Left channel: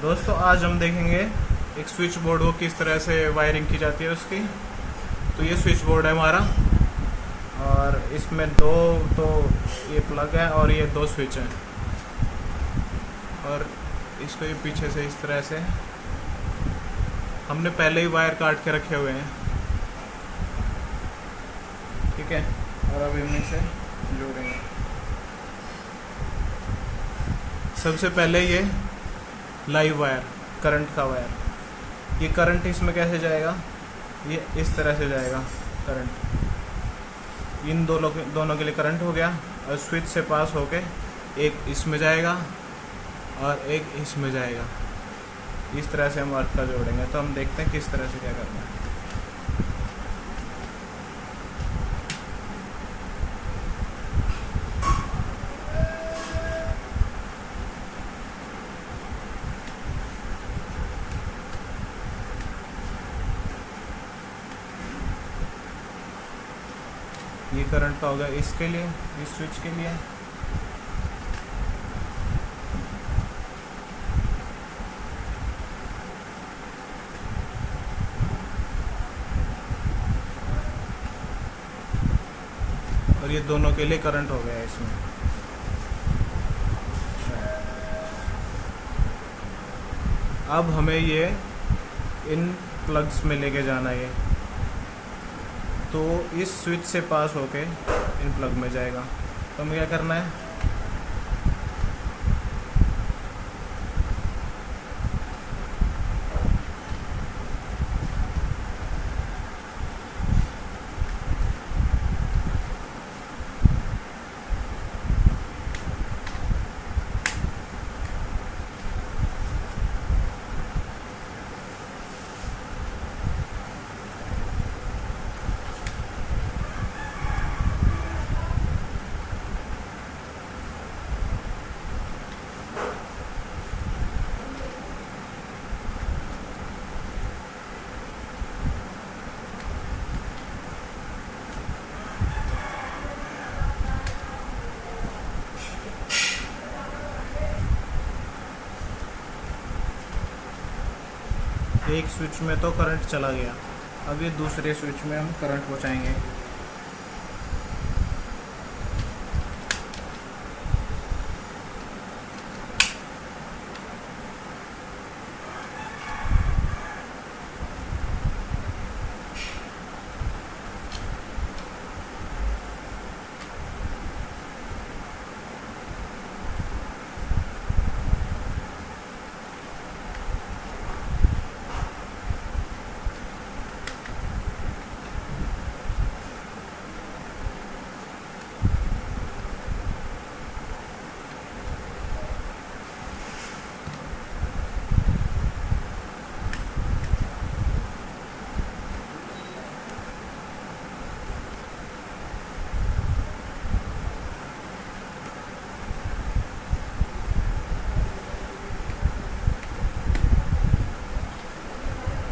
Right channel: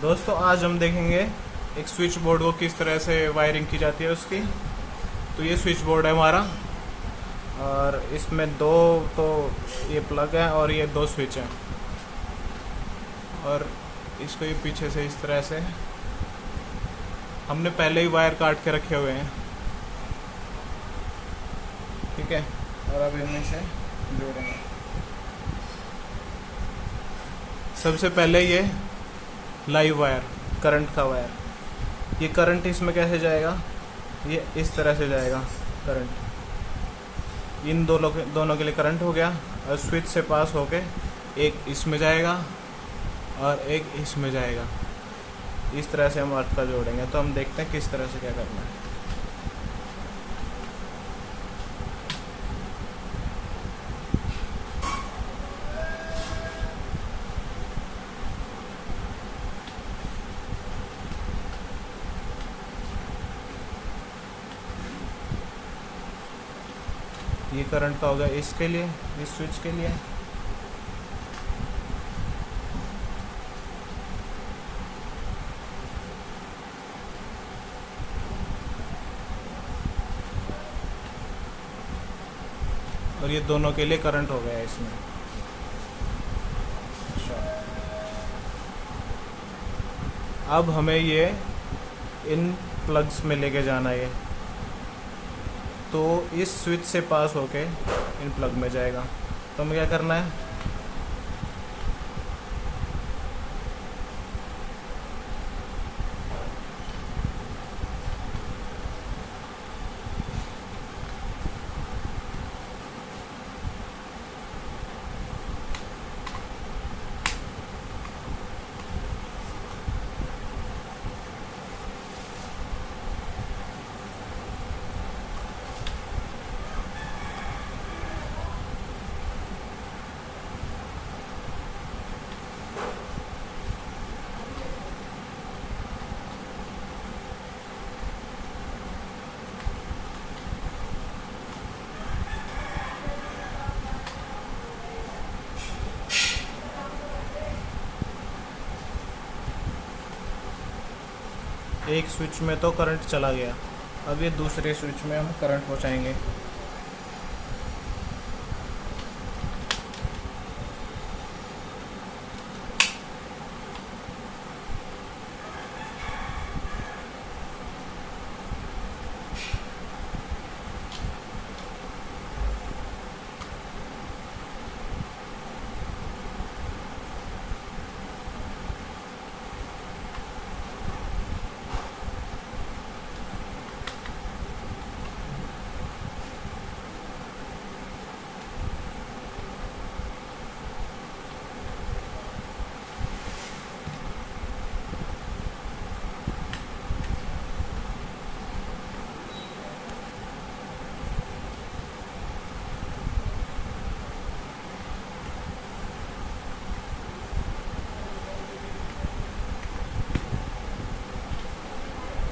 दोस्तों आज हम देखेंगे एक स्विच बोर्ड को किस तरह से वायरिंग की जाती है उसकी। तो ये स्विच बोर्ड है हमारा और इसमें दो तो ये प्लग है और ये दो स्विच हैं और इसको ये पीछे से इस तरह से हमने पहले ही वायर काट के रखे हुए हैं, ठीक है। और अब इन्हीं से जोड़ेंगे। सबसे पहले ये लाइव वायर, करंट का वायर, ये करंट इसमें कैसे जाएगा, ये इस तरह से जाएगा करंट। इन दोनों के लिए करंट हो गया और स्विच से पास होके एक इसमें जाएगा और एक इसमें जाएगा। इस तरह से हम अर्थ का जोड़ेंगे। तो हम देखते हैं किस तरह से क्या करना है। ये करंट का हो गया इसके लिए, इस स्विच के लिए। और ये दोनों के लिए करंट हो गया इसमें। अब हमें ये इन प्लग्स में लेके जाना है, तो इस स्विच से पास होके इन प्लग में जाएगा। तो हमें क्या करना है, एक स्विच में तो करंट चला गया, अब ये दूसरे स्विच में हम करंट पहुंचाएंगे।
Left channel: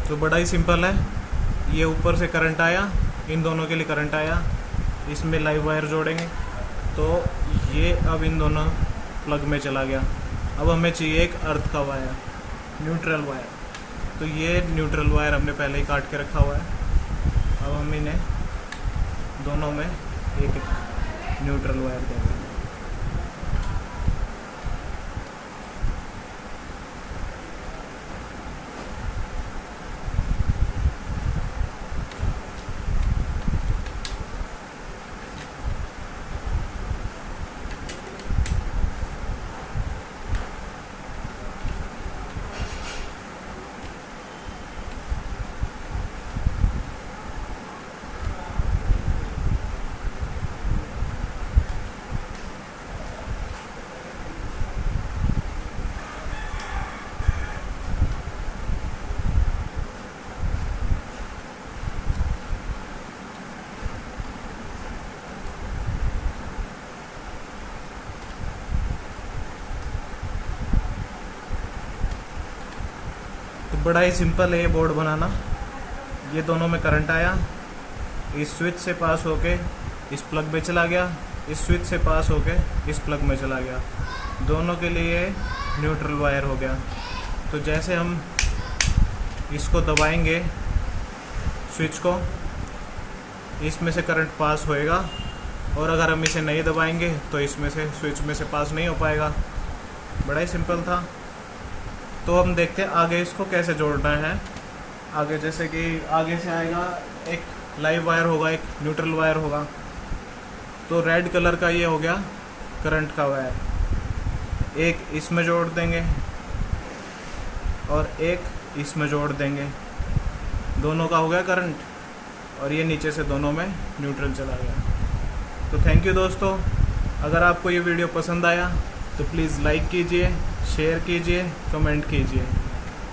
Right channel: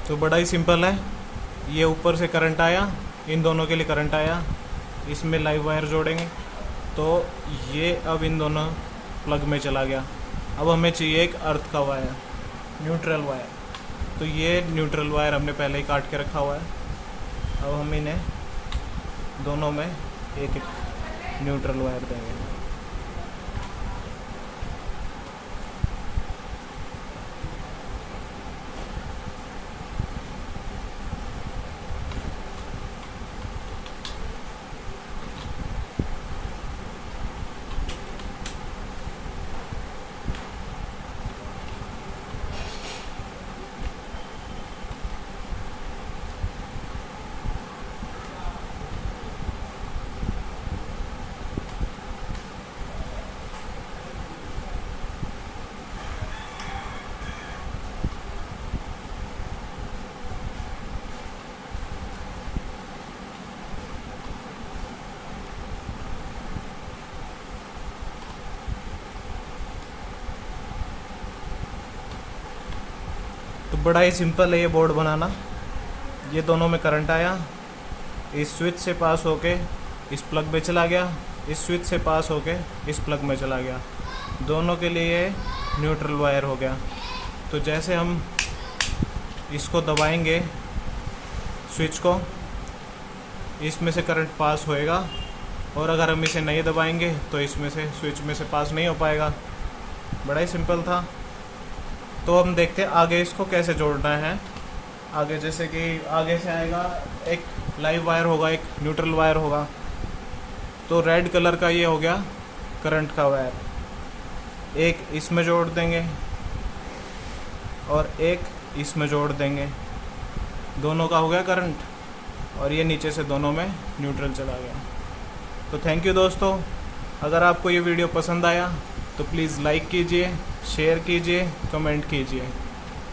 तो बड़ा ही सिंपल है। ये ऊपर से करंट आया, इन दोनों के लिए करंट आया, इसमें लाइव वायर जोड़ेंगे तो ये अब इन दोनों प्लग में चला गया। अब हमें चाहिए एक अर्थ का वायर, न्यूट्रल वायर। तो ये न्यूट्रल वायर हमने पहले ही काट के रखा हुआ है। अब हम इन्हें दोनों में एक न्यूट्रल वायर देंगे। तो बड़ा ही सिंपल है ये बोर्ड बनाना। ये दोनों में करंट आया, इस स्विच से पास होके इस प्लग में चला गया, इस स्विच से पास होके इस प्लग में चला गया। दोनों के लिए न्यूट्रल वायर हो गया। तो जैसे हम इसको दबाएंगे स्विच को, इसमें से करंट पास होएगा, और अगर हम इसे नहीं दबाएंगे तो इसमें से स्विच में से पास नहीं हो पाएगा। बड़ा ही सिंपल था। तो हम देखते हैं आगे इसको कैसे जोड़ना है। आगे जैसे कि आगे से आएगा, एक लाइव वायर होगा, एक न्यूट्रल वायर होगा। तो रेड कलर का ये हो गया करंट का वायर, एक इसमें जोड़ देंगे और एक इसमें जोड़ देंगे, दोनों का हो गया करंट, और ये नीचे से दोनों में न्यूट्रल चला गया। तो थैंक यू दोस्तों। अगर आपको ये वीडियो पसंद आया तो प्लीज़ लाइक कीजिए, शेयर कीजिए, कमेंट कीजिए।